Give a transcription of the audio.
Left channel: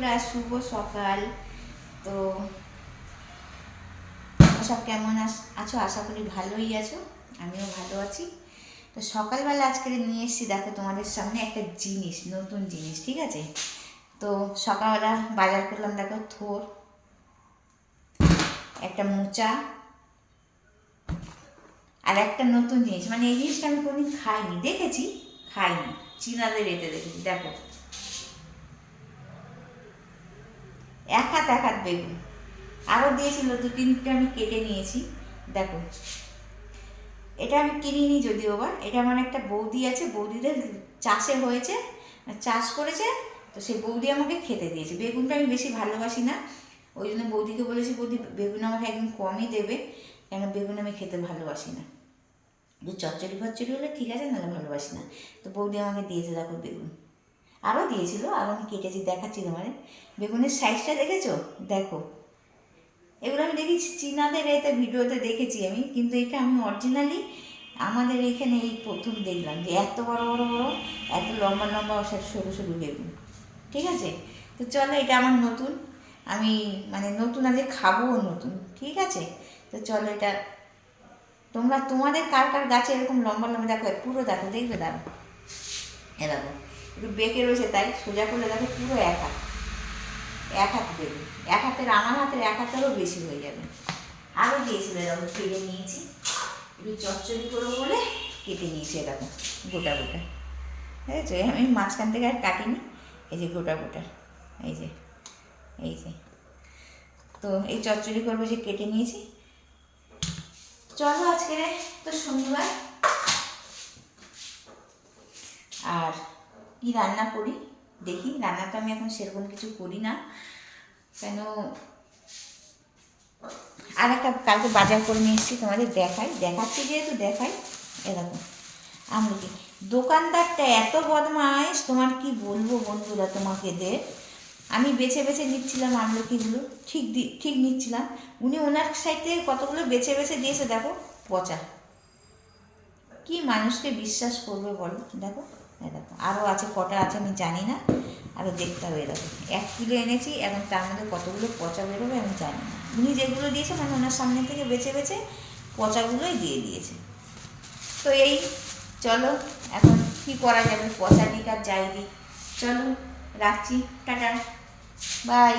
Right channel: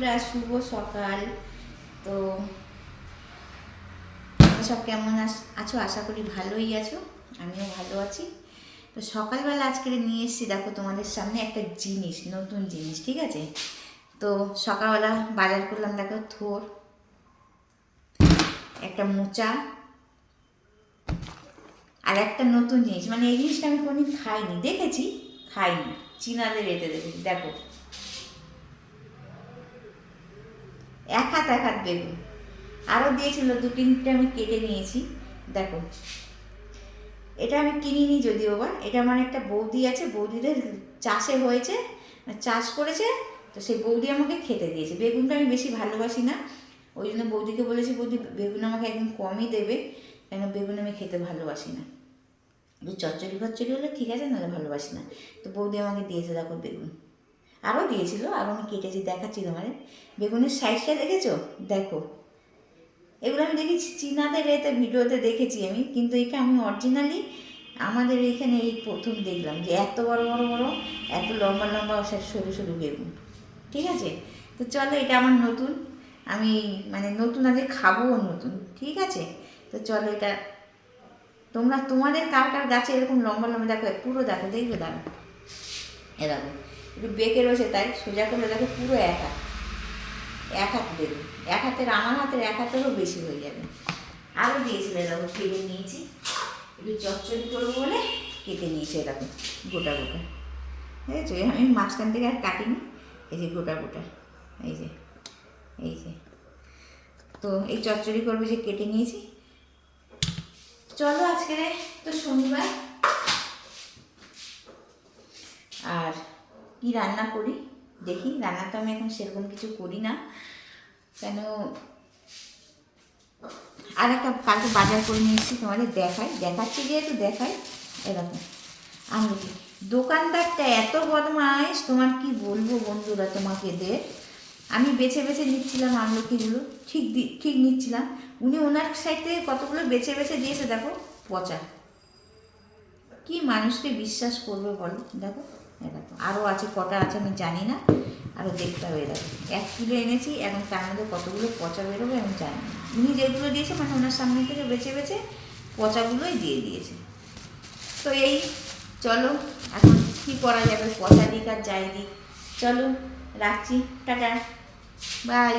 বন্ধুরা, শুভ সকাল। তো সব কেমন আছো? আশা করি ভালোই আছো, আমিও ভালো আছি। তো সকালবেলা আজকে নিয়ে এসেছি, দেখো তোমাদের সামনে একটা জিনিস, নতুন জিনিস, ঠিক আছে? তো সকালবেলা বাজার করলাম, দেখো থোর, একটা মোচা, আর একটা নতুন জিনিস, মানে এই জিনিসটা আমি কোনোদিন খাইনি, দেখেছি খাইনি, চীনাদের এতে দেখেছি। দেখো এক হাত বেগুন, আরও দিয়েছিল দু তিনটে, আমি কেটে নিয়েছি। দেখো এটা আমি কিনিনি যদিও বা, এটা আমার একটা বৌদি আছে, বৌদিদের চাষে হয়েছে, চাষ করেছে, তো সেই বৌদি আমাকে খেতে দিয়েছে। বেগুনটা আমি বেশি ভালোবাসি না, ওই জন্য বৌদিকে বলেছি বৌদি বেগুন আমাকে একদম কমই দেবে, কেন বেগুন আমি খেতে ভালোবাসি না। একটু চচ্চড়ি ফচ্চড়ি হলে ঠিক আছে, নাহলে ভালোবাসি না। তো বৌদি আমাকে দিয়েছে দেখো বেগুন, আরও দিয়েছিল, আরও আমি কেটেছি, দেখাচ্ছি তোমাদের। বেগুনের সাইজটা দেখেছো? দেখো, এগুলো আমি দেখেছি চীনাদের এতে ভিডিওতে দেখেছি আমি, কিন্তু এটা আমি অরিজিনালি আমাদের এইখানে এই প্রথম দেখলাম যে এত বড় বড় বড়, এত লম্বা লম্বা সরু সরু বেগুন, ঠিক আছে? তো চলো, এটা আমার নতুন, আমি মানে নতুন আজকে খাবোও নতুন, ঠিক আছে? তো চলো, এটা তোমরা তোমাদের কার কার গাছে এরকম লম্বা লম্বা, দেখো পুরো, দেখো দেখবে, দেখো এ দেখো একটু বেঁকে রয়েছে, তাই সোজা করে দেখো পুরো এক হাত বেগুন, এক হাতের, আমার হাতের এক হাতেরও বেশি হয়ে যাবে। আরও দিয়েছিল, দেখো কেটে নিয়েছি, একটু চচ্চড়ি করবো বলে কেটে নিয়েছি, এরকম গোটা গোটা, ঠিক আছে? আমি মাঝখান থেকে আর কাটিনি, এই যে গোটা গোটা, এই যে এই যে। তো এই চচ্চড়ি করবো যে কেটে নিয়েছি। চলো, আজকে তো শনিবার, আর কি রান্না করি দেখি। রান্নাটা আমি এখন সেরকম কিছু করি না, কেন আর একটা কালকে বাজার করে নিয়ে এসেছি, তোমাদের দেখাচ্ছি যেহেতু দেখাই। এরকম আমলকি, দোকানদারটা এত বদমাইশ, তোমার কি বলবো বন্ধুরা তোমাকে দে। আমি বেছে বেছে নিচ্ছিলাম আমলকিগুলো, ঠিক নিচ্ছিলাম, উনি ওনার সাইড থেকে কতগুলো বেছে বেছে দিয়েছে, দেখো পচা। কি মানুষকে বিশ্বাস করবে বলো? দেখো দেখো, আরও আছে, কটা আছে আমি জানি না, আরও দেখতে হবে। দেখো 1 কিলো এনেছি, এবং তার মধ্যে কতগুলো পচা বেরোবে আমি জানি না। উনি যেগুলো দিয়েছে, মানে ওনার সামনে থেকে বেছে বেছে পচাগুলোই দিয়ে দিয়েছে। তো এই, চলো এখন কী করা যাবে, পচা দিক আর যাই দিক, চলো রাখছি, টাটা, বাই।